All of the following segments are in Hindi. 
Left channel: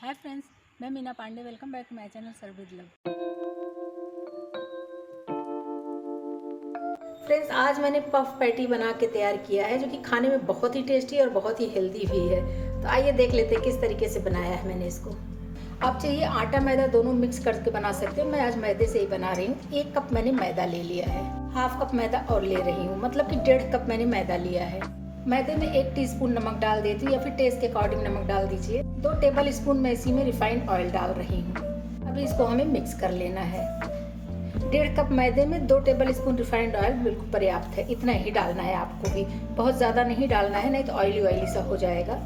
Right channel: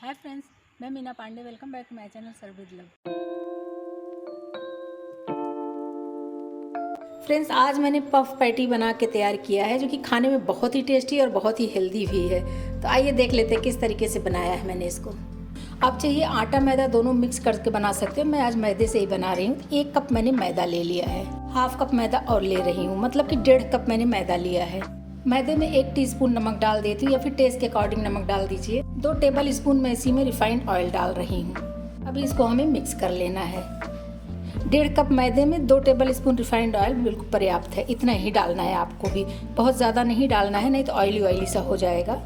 हाय फ्रेंड्स, मैं Meena Pandey. Welcome back to my channel serve with love. Friends, आज मैंने पफ पैटी बना के तैयार किया है जो कि खाने में बहुत ही टेस्टी और बहुत ही हेल्दी भी है। तो आइए देख लेते हैं किस तरीके से बनाया है मैंने इसको। आप चाहिए आटा मैदा दोनों मिक्स करके बना सकते हो। मैं आज मैदे से ही बना रही हूँ। 1 कप मैंने मैदा ले लिया है, हाफ कप मैदा और ले रही हूँ, मतलब कि 1.5 कप मैंने मैदा लिया है। मैदे में 1 टीस्पून नमक डाल देती हूँ या फिर टेस्ट के अकॉर्डिंग नमक डाल दीजिए। 2 टेबल स्पून मैं इसी में रिफाइंड ऑयल डाल रही हूँ। अभी इसको हमें मिक्स कर लेना है। 1.5 कप मैदे में 2 टेबल स्पून रिफाइंड ऑयल बिल्कुल पर्याप्त है। इतना ही डालना है आपको भी, बहुत ज़्यादा नहीं डालना है, नहीं तो ऑयली ऑयली सा हो जाएगा।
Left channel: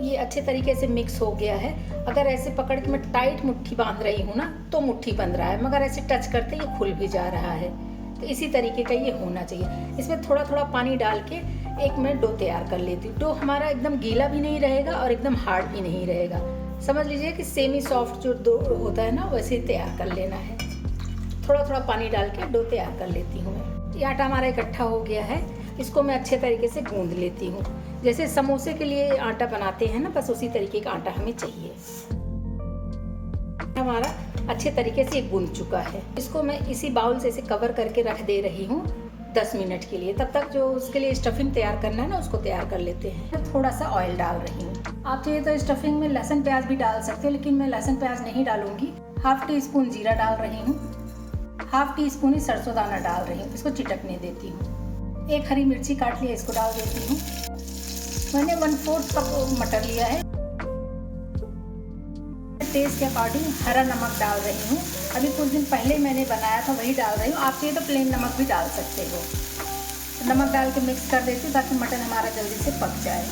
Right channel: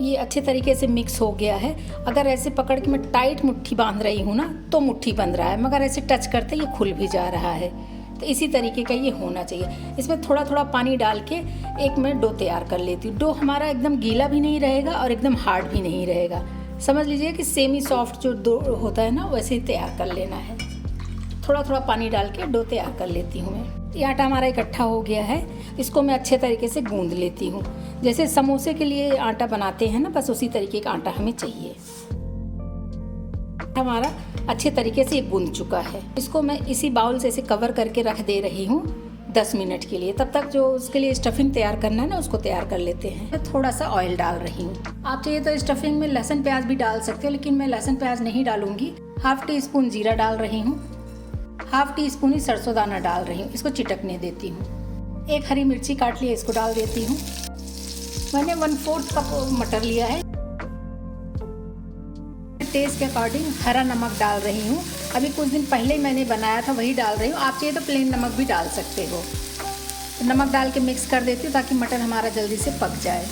ये अच्छे तरीके से मिक्स हो गया है। अगर ऐसे पकड़ के मैं टाइट मुट्ठी बांध रही हूँ ना तो मुट्ठी बंध रहा है, मगर ऐसे टच करते ये खुल भी जा रहा है। तो इसी तरीके का ये होना चाहिए। इसमें थोड़ा थोड़ा पानी डाल के एक मैं डो तैयार कर लेती हूँ। डो हमारा एकदम गीला भी नहीं रहेगा और एकदम हार्ड भी नहीं रहेगा। समझ लीजिए कि सेमी सॉफ्ट जो डो होता है ना वैसे ही तैयार कर लेना है। थोड़ा थोड़ा पानी डाल के डो तैयार कर लेती हूँ मैं। ये आटा हमारा इकट्ठा हो गया है। इसको मैं अच्छे तरीके से गूंद लेती हूँ। जैसे समोसे के लिए आटा बनाते हैं ना, बस उसी तरीके का आटा हमें चाहिए। हमारा अच्छे तरीके से गूंद चुका है। इसको मैं इसी बाउल से इसे कवर करके रख दे रही हूँ 10 मिनट के लिए। तब तक जो उसके लिए स्टफिंग तैयार करना है ना उसको तैयार कर लेते हैं। मैं थोड़ा सा ऑयल डाल रही हूँ। आप चाहिए तो स्टफिंग में लहसुन प्याज भी डाल सकते हो, लेकिन मैं लहसुन प्याज नहीं डालूंगी। हाफ टी स्पून जीरा डाल रही हूँ, हाफ टी स्पून ही सरसों दाना डाल रही हूँ। इसको चिटकने देती हूँ। 1 हरी मिर्ची काट लिया, इसको डाल देती हूँ। मैंने 1/4 कप मटर लिया है। टेस्ट के अकॉर्डिंग हरा नमक डाल रही हूँ। अभी कुछ दिन पहले मैंने बनाया था वही डाल रही हूँ। आप चाहिए तो प्लेन नमक भी डाल सकते हो। नमक डाल के मिक्स कर देती हूँ ताकि मटर हमारा जल्दी से पक जाए।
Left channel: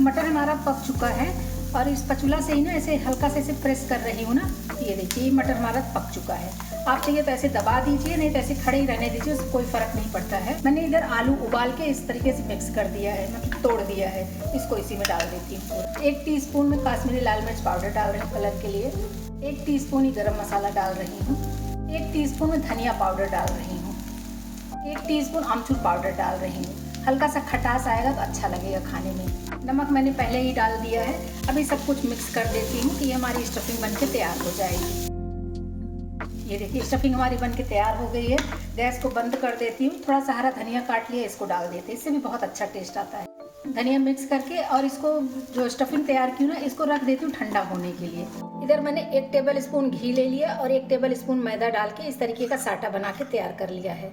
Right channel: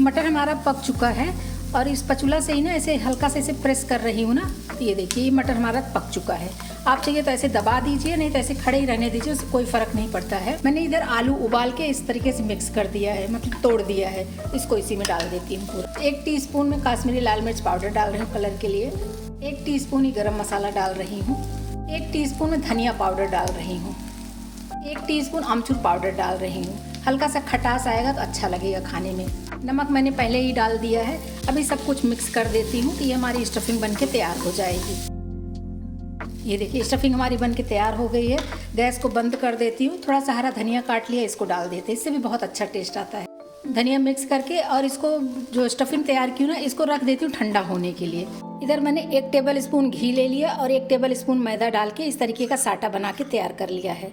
मटर हमारा पक चुका है और इस स्पैचुला से ही ना ऐसे हल्का से इसे प्रेस कर रही हूँ ना। ये देखिए, ये मटर हमारा पक चुका है। आप चाहिए तो ऐसे दबा दीजिए, नहीं तो ऐसे खड़े ही रहने दीजिए, उससे कोई फर्क नहीं पड़ता है। मैंने इधर आलू उबाल के इस तरीके से मिक्स कर दिया है, मतलब तोड़ दिया है। इसको इसी में डाल देती हूँ। 1 टीस्पून में काश्मीरी लाल मिर्च पाउडर डाल रही हूँ कलर के लिए। 1 टीस्पून ही गरम मसाला डाल रही हूँ। 1 टीस्पून में धनिया पाउडर डाल रही हूँ। 1 टीस्पून अमचूर पाउडर डाल रही हूँ। हल्का सा खटास आएगा तो अच्छा लगेगा खाने में। नमक मैंने पहले ही डाल दिया है। अभी सब कुछ मिक्स कर देती हूँ कि ये हमारी स्टफिंग बनके तैयार हो जाएगी। ये देखिए, स्टफिंग हमारी बनके तैयार हो गई है। गैस को बंद कर देती हूँ। थोड़ा सा हरा धनिया काट लिया, इसको डाल देते हैं। इससे भी बहुत अच्छा टेस्ट आता है। धनिया मिक्स करके और इसको जो स्टफिंग तैयार की ना इसको रख देती हूँ ठंडा होने के लिए। इधर मैंने 1 टेबल स्पून घी ले लिया और 1 टेबल स्पून मैदा डाल के इस तरीके का साटा बना के तैयार कर लिया है।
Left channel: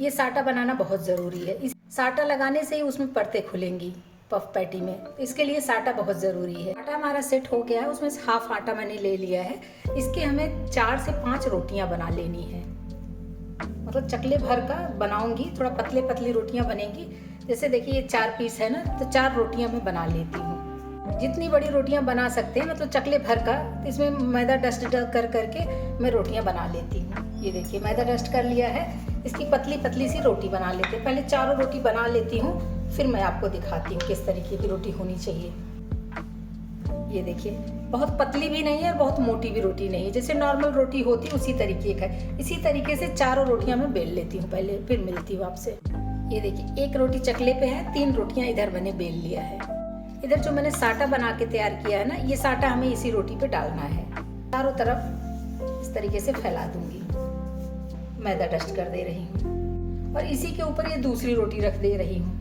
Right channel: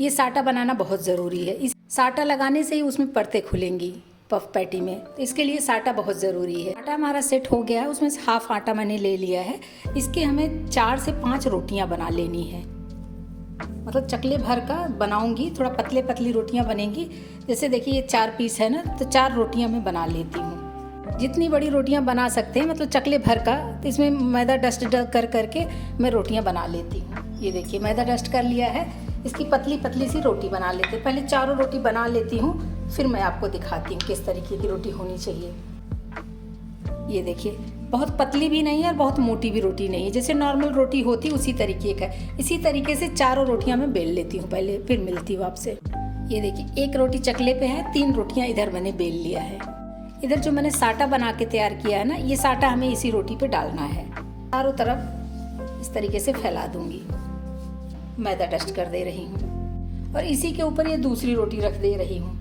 ये साटा बनाना बहुत ज़रूरी है। इस साटा लगाने से ही उसमें परतें खुलेंगी पफ पैटी में। तो इसके लिए साटा बहुत ज़रूरी है। आटा हमारा सेट हो गया है। उसमें से हाफ आटा मैंने ले लिया है। इसके हमें 4 से 5 रोटियां बना लेनी है। मतलब चकले भर का बनाऊंगी, थोड़ा पतले पतली रोटियां बनेंगी। जैसे देखिए ये 4 पीस है ना, तो 4 रोटियां मैं बना लेती हूँ। जितनी बड़ी रोटियां बना सकते हैं, मतलब चकले भर का, तो इसमें मैदा डस्ट कर करके मैं रोटियां बना लेती हूँ। ये देखिए, मैदा डस्ट कर लिया है। इसकी पतली पतली सी रोटी बना लेते हैं। पहले 4 रोटी बना लेती हूँ, फिर मैं आपको दिखाती हूँ किस तरीके की रोटी होनी चाहिए। ये देखिए, बहुत पतली भी नहीं है और बहुत मोटी भी रोटी नहीं है। जैसे नॉर्मल रोटी होती उसी तरीके का है। इसी तरीके से 4 रोटियां मैं बेल लेती हूँ पहले, फिर मिलती हूँ आपसे। ये देखिए, 1 रोटी चकले पे है, 3 रोटियां इधर मैंने बेल लिया है। इधर जो मैंने साटा बना के तैयार किया है ना, ये साटा हमें इसी रोटी पे डालना है। चारों तरफ इस तरीके से फैला दूंगी। मैदा डस्ट कर दे रही हूँ और इसी के ऊपर ये दूसरी रोटी रख दे रही हूँ।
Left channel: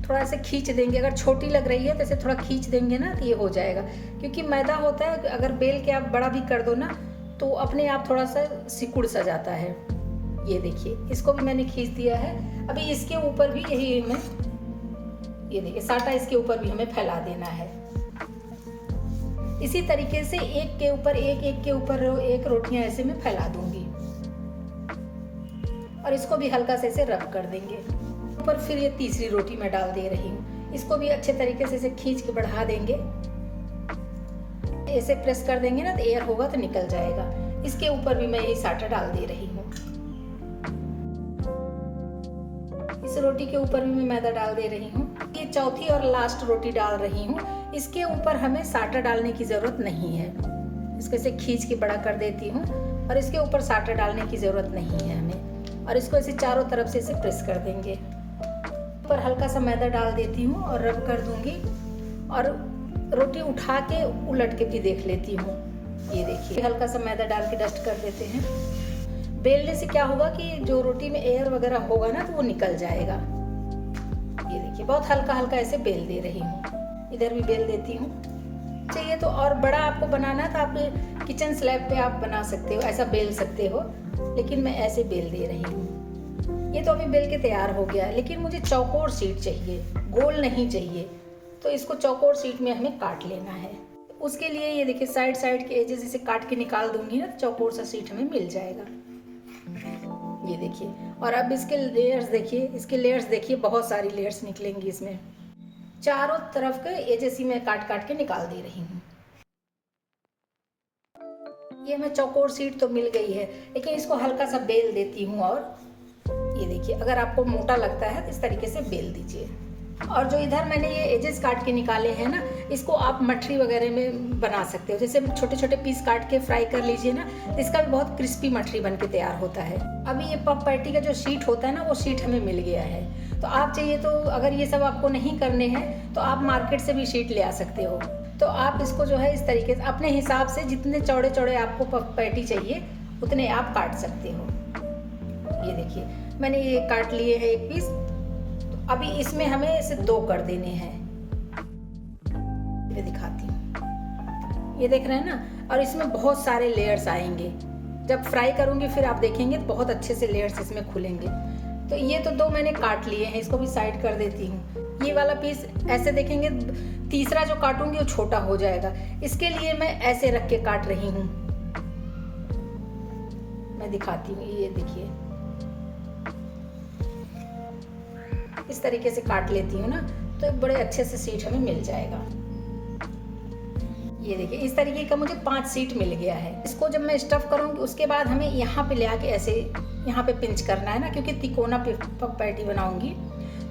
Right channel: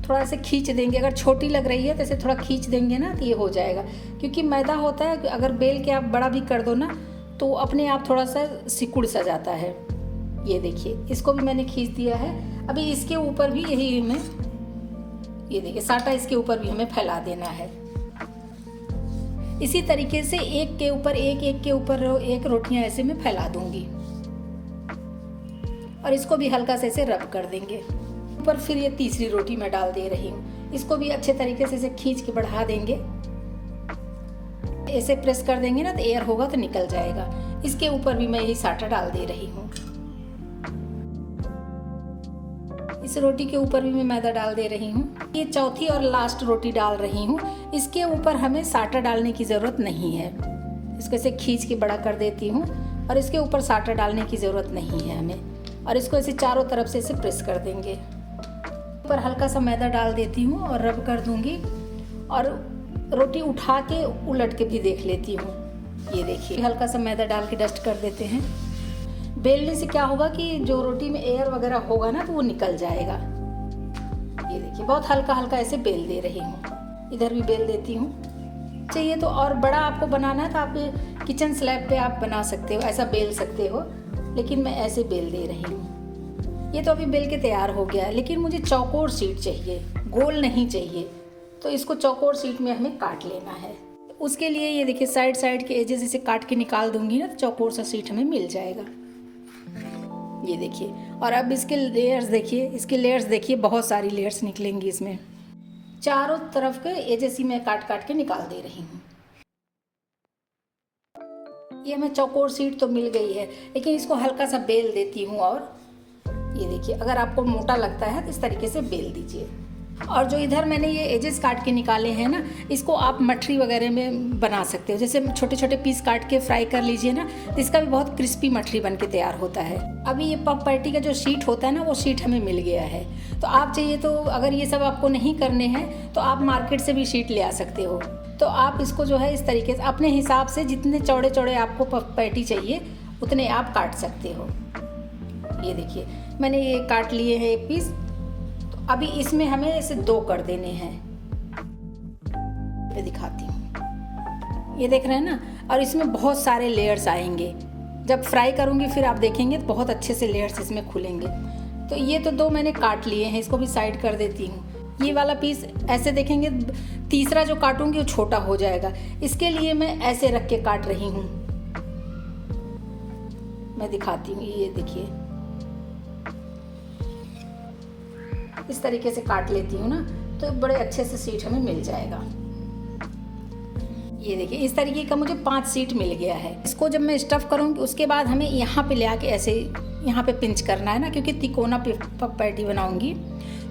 थोड़ा सा खींच देंगे, अगर छोटी लग रही है तो इसे थोड़ा खींच देंगे ना तो ये हो जाएगा। क्योंकि मैदा होता है, अगर बेल के आप बड़ा भी कर दो ना तो अपने आप थोड़ा सा सिकुड़ सा जाता है। ये देखिए, इसको भी मैंने खींच दिया है। अभी इसके ऊपर भी यही हमें, ये देखिए साटा, इसके ऊपर भी हमें फैला देना है। इसी तरीके से एक के ऊपर एक, एक के ऊपर एक रोटियां ऐसे में फैला दूंगी और इसको भी हल्का से रब कर देंगे। ऊपर फिर ये तीसरी रोटी मैं डाल दे रही हूँ। इसको भी अच्छे तरीके से इसे खींच के बढ़ा देंगे। ऐसे प्रेस कर देंगे ना तो एयर होगा तो निकल जाएगा। इसके ऊपर भी मैं यही साटा डाल दे रही हूँ। इस रोटी के ऊपर भी मैं मैदा डाल दे रही हूँ। ये चौथी और लास्ट रोटी डाल रही हूँ। इसके ऊपर हमें साटा डालने की ज़रूरत नहीं है। इसको ऐसे खींच के बड़ा कर देती हूँ और इसके ऊपर साटा डालने की ज़रूरत नहीं है हमें। और इसको ऐसे चारों तरफ से इसे प्रेस कर देंगे। ऊपर हल्का सा मैदा डाल देती हूँ और रब कर दूंगी और रोटी उठा के उलट के भी देख लेती हूँ। ये देखिए, हल्का सा मैदा डाल के डस्ट कर देते हैं। बेलने से क्या होगा कि जो रोटी में एयर वगैरह होगा ना तो वो निकल जाएगा। ये देखिए, बहुत हल्का हल्का ऐसे बेल दे रही हूँ। इधर भी बेल देती हूँ। चाहिए तो और बड़ा आपको बनाना है तो आप किचन स्लैब पे आप बना सकते हो, ऐसा बेल सकते हो, लेकिन मैं ऐसे बेल दे रही हूँ। ये तो अभी बेल के तैयार हो गया, लेकिन मुझे चौकोर शीट चाहिए, गोल नहीं चाहिए। तो इसको चौकोर शीट में हमें काट लेना है। उसके लिए ये देखिए, साइड साइड के एजेस इसे काट के निकाल दूंगी ना तो चौकोर सा शीट हमें मिल जाएगा। ये देखिए, और अब इसके लेयर्स देखिए, इसके लेयर्स देखिए, बहुत सारी लेयर्स निकलेंगी इसमें। चारों तरफ के एजेस ही मैं काट काट के निकाल दे रही हूँ। ये मैं चौकोर शीट तो मिल गई है, लेकिन इसको हल्का सा बेल देती हूँ। और ये देखिए, अगर आपको मोटा लगता है तो इस तरीके से बेल दीजिए। और जो इधर मैंने ये एजेस काट के निकाले हैं ना, इसको आप मठरी वगैरह में बना सकते हो। जैसे छोटे छोटे पीस काट के फ्राई कर लीजिए ना, तो इसका भी बहुत क्रिस्पी मठरी बन के तैयार होता है। अभी ये पफ पैटी का जो शीट होता है ना, वो शीट हमें मिल गया है। तो आप चाहिए तो, अगर ये सब आपको नहीं करने हैं तो आप मार्केट से भी शीट ले आ सकते हो। तो आप इसको जो है इस तरीके से अपने हिसाब से जितने चौड़े चौड़े आपको पफ पैटी चाहिए उतने आप काट सकते हो। ये देखिए, मैंने ये काट लिए हैं एक पीस। अभी इसमें हमें ऐसे 2 कर देने हैं। मैं दिखाती हूँ, ये देख रहे हैं ना। और इसमें बहुत सारे लेयर्स आएंगे। जब फ्राई करूँगी फिर आप देखेंगे तो बहुत अच्छे से लेयर्स इसमें खुलेंगे। तो ये तो 2 मैंने काट लिए हैं, इसको भी साइड कर देती हूँ। ये वाला पीस ऐसे देखेंगे, तीसरा जो काटूंगी वो छोटा हो जाएगा, इसके लिए मैं ऐसे रख के काट रही हूँ। मैं दिखाती हूँ, ये देखिए, इस तरीके से काट लेती हूँ ना तो बड़े अच्छे से सीट हमें मिल जाएगा। ये देखिए, इस तरीके का मुझे 5 सीट मिल गया है। इसको जब मैं स्टफ करूँगी उसके बाद हमें यहाँ पे ले आके ऐसे यहाँ पे पिंच करना है ना, क्योंकि तिकोना पफ पैटी बनाऊंगी।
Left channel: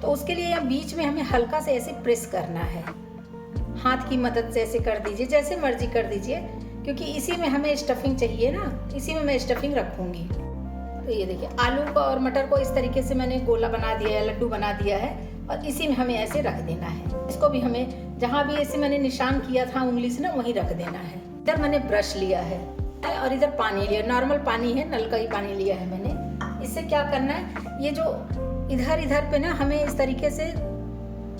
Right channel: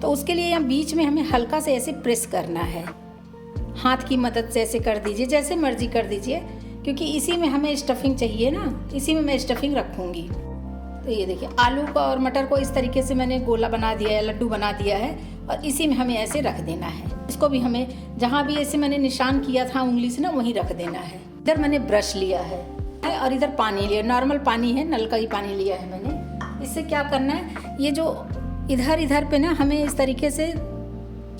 तो उसके लिए यहाँ बीच में हमें हल्का से ऐसे प्रेस करना है। हाथ की मदद से ऐसे कर दीजिए, जैसे मर्जी कर दीजिए, क्योंकि इसी में हमें स्टफिंग चाहिए ना, इसी में मैं स्टफिंग रखूँगी। तो ये देखिए, आलू का और मटर को इस तरीके से मैंने गोला बना दिया है, लड्डू बना दिया है, और इसी में हमें ऐसे रख देना है। इसको भी हमें जहाँ भी ऐसे मैंने निशान किया था उंगली से ना, वहीं रख देना है। इधर मैंने ब्रश लिया है और इधर पानी लिया, नॉर्मल पानी है, नल का ही पानी लिया है मैंने। इससे क्या करना है, ये जो इधर इधर पे ना हमें इस तरीके से,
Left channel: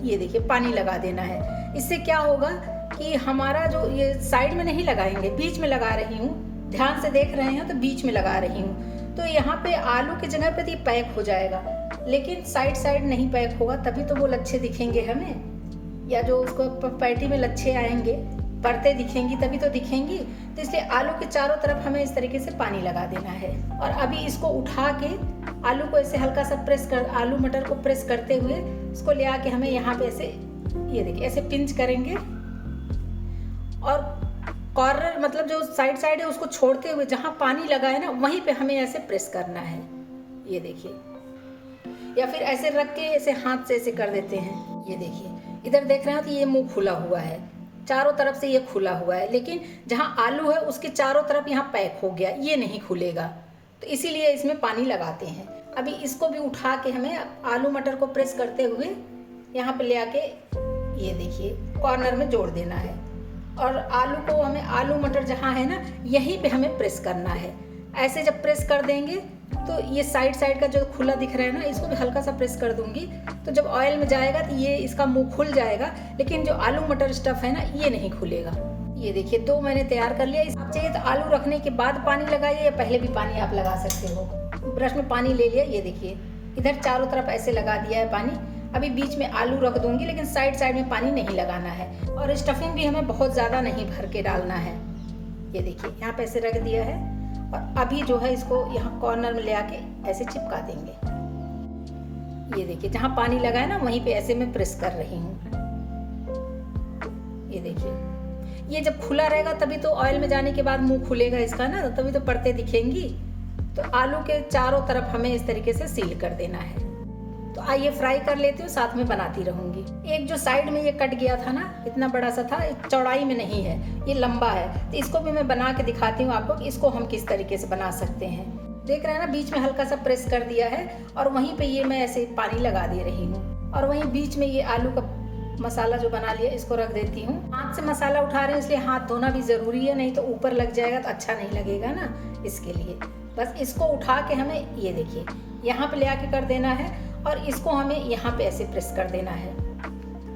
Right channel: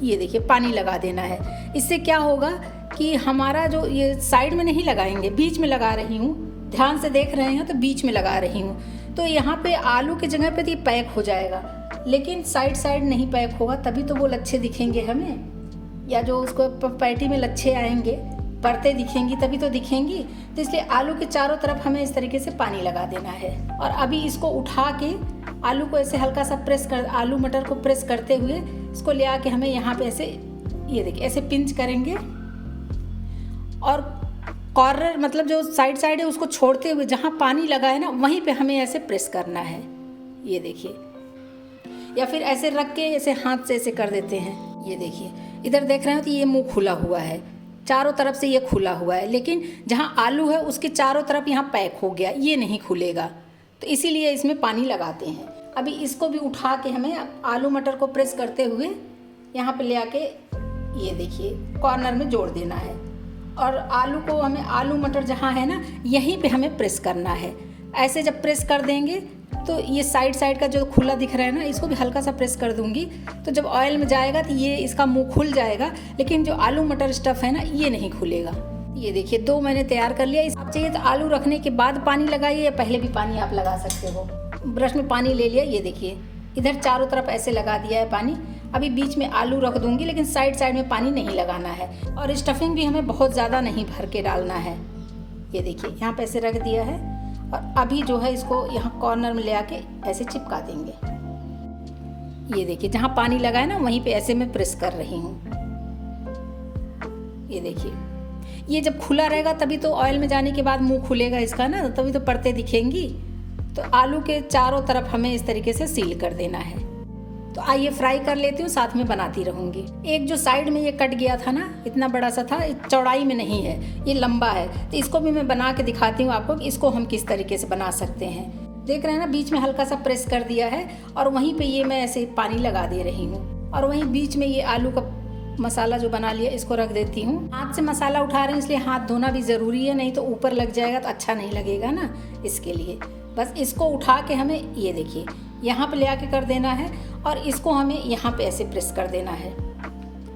ये देखिए, पानी लगा देना है। इससे क्या होगा कि हमारा जो ये साइड में नहीं लगाएंगे, बीच में लगा रही हूँ, ध्यान से देख रहे हैं तो बीच में लगा रही हूँ। तो यहाँ पे आलू की जगह पे तो ये पैक हो जाएगा, लेकिन साइड साइड नहीं पैक होगा, तभी तो वो लच्छे दिखेंगे हमें, या जो उसको पैटी में लच्छे आएंगे, परतें दिखेंगी तभी तो दिखेंगी। तो इसलिए आलू के चारों तरफ हमें इस तरीके से पानी लगा देना है। और अभी इसको उठा के आलू को ऐसे हल्का सा प्रेस कर, आलू मटर को प्रेस करते हुए इसको ले आके हमें यहाँ पे ऐसे, ये देखिए, ऐसे पिंच करेंगे। और कॉर्नर मतलब जो साइड साइड है उसको छोड़ते हुए जहाँ पानी लगा है ना, वहीं पे हमें ऐसे प्रेस करना है। ये देखिए, या फिर ऐसे रख के ऐसे हाथ से ऐसे कर देते हैं। ये देखिए, इधर देख रहे हो तो ये मुंह खुला हुआ है, चारों तरफ से ये खुला हुआ है, लेकिन जहाँ आलू है उसके चारों तरफ यहाँ पैक हो गया, ये नहीं खुलेगा। तो इसीलिए इसमें पानी लगाते हैं। अभी इसको भी उठा के हमें आलू मटर को प्रेस करते हुए यहाँ पे ले आके, ये देखिए, कॉर्नर में जोड़ देना है। और आलू को हमें, आलू मटर जहाँ है ना, यहीं पे हमें प्रेस करना है। ऐसे जब प्रेस कर देंगे तो ये साइड साइड का जो खुला दिख रहा है ना, इसको भी हल्का सा प्रेस कर दूंगी, तो जब ऑयल में जाएगा तो ये इसका मुंह खुल जाएगा, लेकिन जो आलू मटर स्टफ है ना, ये नहीं खुलेगा। ये देखिए, 2 मैंने तैयार कर लिया। आप चाहिए तो आलू रखने के बाद पानी लगाइए, या पहले भी पानी आप लगा सकते हो। ब्रश में पानी ले लिया, ये देखिए, इधर चारों तरफ ऐसे लगा दिया है पानी। अभी बीच में आलू रख दूंगी, लेकिन साइड साइड में पानी नहीं लगाना है। और स्टफिंग भी हमें बहुत ज़्यादा नहीं भर के डालना है। ये देखिए, यहाँ पे ऐसे रख दिया है। और अभी जो है इसको यहाँ कॉर्नर में ले आके ऐसे चिपका देंगे। ये देखिए, जहाँ पानी लगा है ना, वहीं पे ऐसे मैं प्रेस कर रही हूँ। ये देखिए, ये जब खुला रहेगा तभी तो ऑयल में जाने के बाद मुंह खुलेगा इसका ना, तभी तो परतें दिखेंगी। तो आलू के चारों तरफ हमें इस तरीके से सील कर देना है। तो आइए फ्राई कर लेती हूँ, साथ में बनाती रहूंगी। एक जो साइड में ये कट गया था ना, इतना बड़ा सा था, चौड़ाई में नहीं है, ये लंबा है। तो इसको भी मैं बना के दिखाती हूँ आपको कि इसको हम किस तरीके से बना सकते हैं। देख रहे हैं ना, बीच में हल्का सा प्रेस कर दिया है और वहीं पे ये मैं ऐसे पानी लगा दे रही हूँ। और वहीं बीच में ये आलू का मसाला जो बना लिया इसको रख देती हूँ। हाथ से मसाला उठा रहे हैं इसलिए हाथ धोना भी ज़रूरी है, नहीं तो ऊपर लग जाएगा तो अच्छा नहीं लगेगा ना, इसके लिए बस इसको उठा के हमें ये देखिए यहाँ पे ले आके कर देना है और इसको हमें यहाँ पे ऐसे प्रेस कर देना है।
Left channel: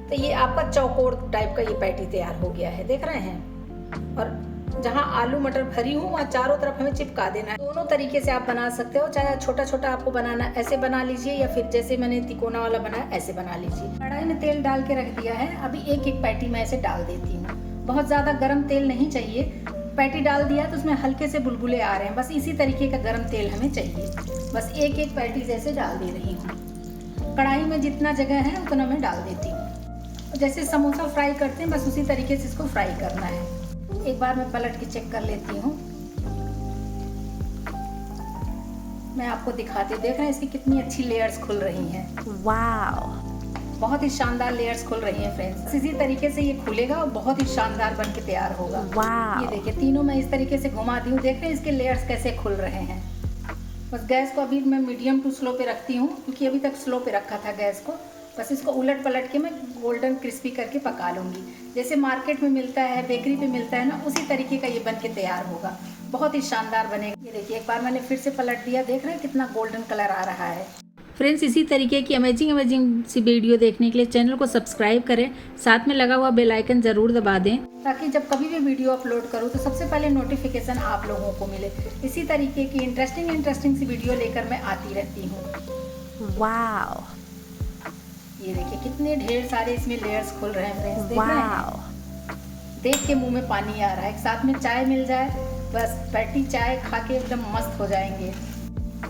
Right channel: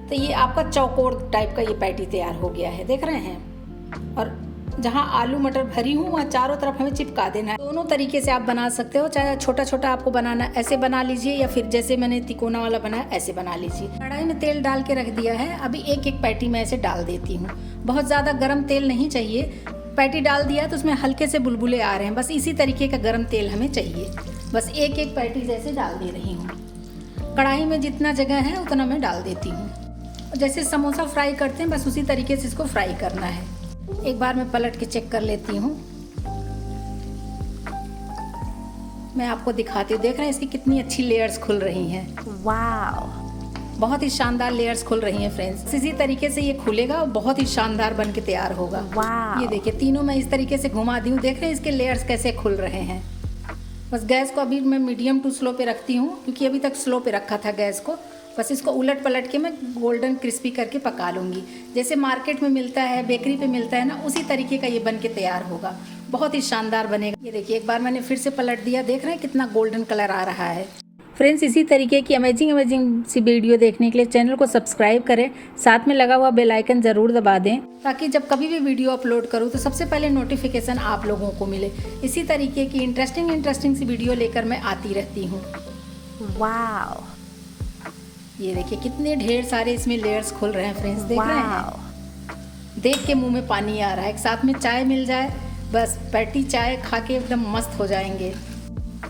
तो ये आपका चौकोर टाइप का ये पैटी तैयार हो गया है, देख रहे हैं। और जहाँ आलू मटर भरी हूँ वहाँ चारों तरफ हमें चिपका देना है। दोनों तरीके से आप बना सकते हो, चाहे छोटा छोटा आपको बनाना ऐसे बना लीजिए या फिर जैसे मैंने तिकोना वाला बनाया ऐसे बना लीजिए। कढ़ाई में तेल डाल के रख दिया है, अभी एक एक पैटी मैं ऐसे डाल देती हूँ। बहुत ज़्यादा गर्म तेल नहीं चाहिए, पैटी डाल दिया तो उसमें हल्के से बुलबुले आ रहे हैं, बस इसी तरीके का गर्म तेल हमें चाहिए। बस एक एक पैटी जैसे डाल दे रही हूँ। कढ़ाई में जितना जगह है उतना मैं डाल देती हूँ। जैसे समोसा फ्राई करते हैं बस उसी तरीके से इसको फ्राई करना है। एक बार मैं पलट के चेक कर लेती हूँ। मैं आपको दिखाती हूँ, देख रहे हैं इसकी कितनी अच्छी लेयर्स खुल रही हैं। वाओ, बहुत ही शानदार लेयर्स खुल रही हैं फ्रेंड्स। इसी तरीके से ये खुलेगा और बहुत ही शानदार बन के तैयार होगा। वाओ, ये देखिए तीनों मैं इस तरीके से घुमा दी हूँ, देख रहे हैं इसके लेयर्स कैसे खुल रहे हैं। बस गैस को अभी मैं मीडियम टू स्लो पे रखती हूँ, क्योंकि अभी तक स्लो पे रखा था गैस को। बस इसको उलट पलट के मैं गोल्डन क्रिस्पी करके पका लूँगी। जैसे मार्केट में मिलता है, बेकरी पे मिलता है ना, उसी तरीके का ये बन के तैयार होगा। बहुत ही शानदार बनेगा। ये देखिए एक बार मैंने फिर से पलट दिया, देख रहे हैं कितना गोल्डन कलर आ रहा है। फ्रेंड्स, इसी तरीके की अमेजिंग सी वीडियो देखने के लिए चैनल को सब्सक्राइब करें, साथ में लगा हुआ बेल आइकन ज़रूर दबा दें, ताकि जब कभी भी वीडियो अपलोड करूँ तो सबसे पहले नोटिफिकेशन आप लोगों को मिले। इसी तरीके की इंटरेस्टिंग सी वीडियो लेकर मैं आती रहती हूँ। वाओ, ये देखिए कितने ढेर सारे इसमें लेयर्स खुल रहे हैं फ्रेंड्स, देख रहे हैं। देख के मुंह में पानी आ रहा है। एक साथ में चाय मिल जाए, बस पैटी चाय खा के एकदम मस्त हो जाएंगे।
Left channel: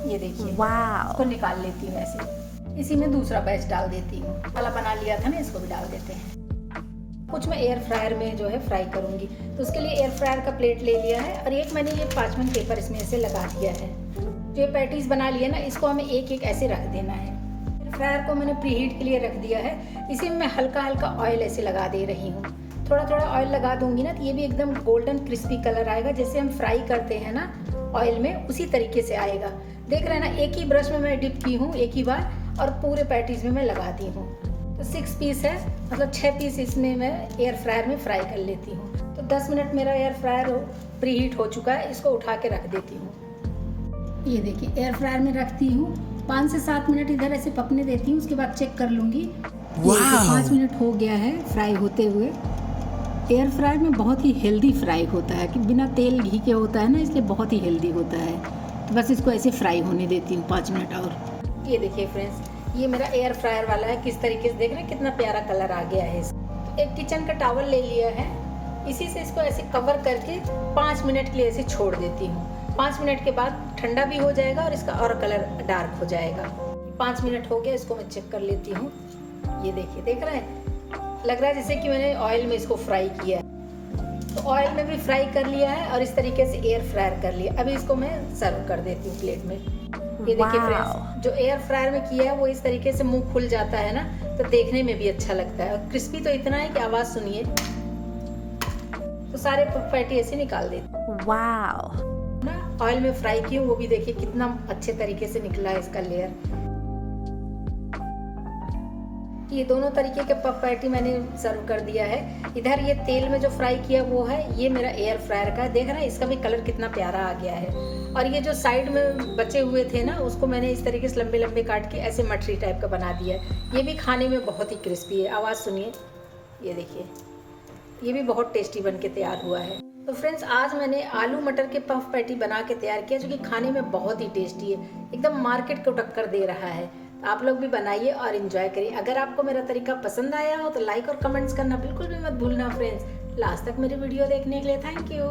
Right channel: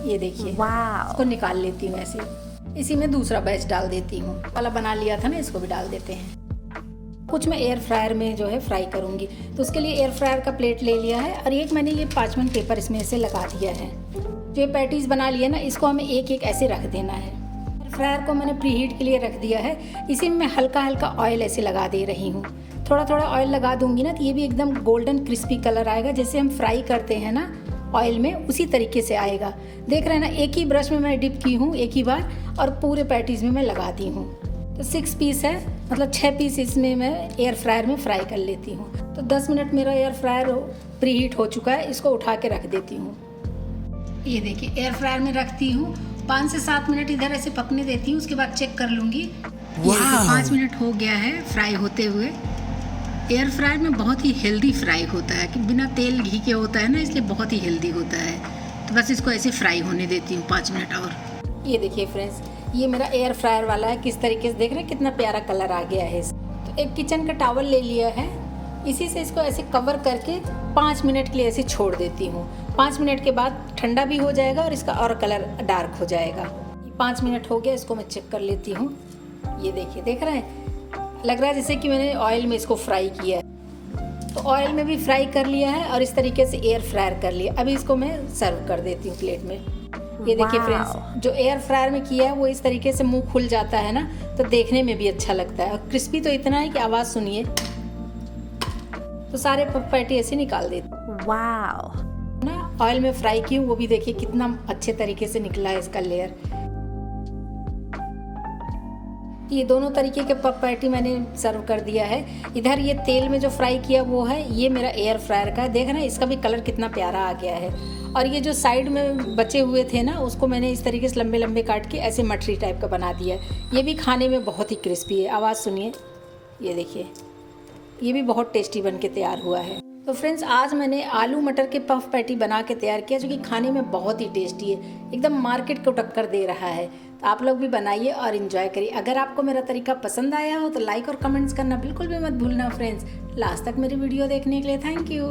ये देखिए इसको निकाल लेती हूँ ऐसे। इसी में दूसरा बैच डाल देती हूँ। वाला बना लिया था ना, इसको भी डाल देते हैं। कुछ मैं एयर फ्रायर में जो है फ्राई करूँगी, तो उसके लिए एयर फ्रायर का प्लेट ले लिया है और एक मैंने ये पार्चमेंट पेपर इसमें ऐसे लगा दिया है। जो ये पैटीज बना लिया ना, इसको हमें एक एक ऐसे रख देना है। एयर फ्रायर को मैंने प्रीहीट के लिए रख दिया है। इसी में मैं हल्का ऑयल ऐसे लगा दे रही हूँ। थोड़ा ऑयल लगा दूंगी ना तो ये भी एकदम गोल्डन क्रिस्पी कलर आएगा। जैसे हम फ्राई करते हैं ना ऑयल में, उसी तरीके से आएगा। देख रहे हैं ना, एक ही ब्रश में मैं डिप की हूँ एक ही बार और पूरे पैटीज में मैं लगाती हूँ। तो 6 पीस है, मतलब 6 पीस इसमें मैं एयर फ्रायर में फ्राई कर लेती हूँ। तो 10 मिनट मेरा एयर फ्रायर प्रीहीट हो चुका है, इसको उठा के रख देती हूँ। ये देखिए एयर फ्रायर में रखती हूँ, 5 से 7 मिनट इधर ऐसे पकने देती हूँ, उसके बाद चेक कर लूँगी। 5 मिनट हो गया है फ्राई होते हुए। एयर फ्रायर में बहुत ही हेल्दी फ्राई होता है, कि बिना तेल घी के होता है ना, इसलिए बहुत ही हेल्दी होता है। तो बस इसको ऐसे फ्राई होने देती हूँ 5 मिनट और। ये देखिए फ्रेंड्स, ये मेरा एयर फ्रायर वाला है, किस तरीके से देख रहे हैं कितना प्यारा कलर आ गया है। तो एक किचन का टॉवल ले लिया है, इसी से इसको ऐसे कवर करके 5 मिनट के लिए ऐसे छोड़ देती हूँ। 5 मिनट के बाद ठंडा भी हो जाएगा और इसका और कलर डार्क हो जाएगा। 5 मिनट हो गया, इसको मैं चेक कर लेती हूँ। ये देखिए, देख रहे हैं, लग रहा है जैसे कि मैंने ऑयल में इसको फ्राई किया है। तो ऑयल में भी फ्राई कर लिया है और इस तरीके से एयर फ्रायर कर लिया। अभी इसको मैं सर्व कर देती हूँ प्लेट में। ये देखिए फ्रेंड्स, जो एयर फ्रायर में किया है वो इस तरीके से मुंह खुल जाता है ना, तो देखने में भी अच्छा लगता है। और क्रिस्पी तो इतना है कि आवाज़ सुनिए। तो सारे पैटी ऐसे निकाल देती वाओ ना, ऑयल में फ्राई की, वो भी देखिए कितना अच्छे तरीके से निकला है इसका लेयर। ये दोनों तरीके के पफ पैटी मैंने सर्व कर दिया है। इधर ये तेल में जो फ्राई किया वो है, ये मेरा एयर फ्रायर का है। देख रहे हैं इसका भी कलर कितना प्यारा आ गया है। और ये जो साइड में बचे हुए थे ना, उसको मैंने इस तरीके से लंबे लंबे काट के ऐसे मठरी टाइप का बना दिया है। ये भी खाने में बहुत ही क्रिस्पी है, आवाज़ सुनिए। ये देखिए, ये भी बहुत टेस्टी बन के तैयार हुआ है। तो फ्रेंड्स, आज मैंने आलू मटर के पफ पैटी बना के तैयार किया, जो कि खाने में बहुत ही टेस्टी है, एकदम मार्केट को टक्कर दे रहा है। तो आप लोग भी बनाइए और इन्जॉय करिए। अगर आपको मेरा तरीका पसंद आया हो तो लाइक और कमेंट्स करना बिल्कुल भी मत भूलना फ्रेंड्स। लास्ट तक मेरी वीडियो देखने के लिए थैंक यू।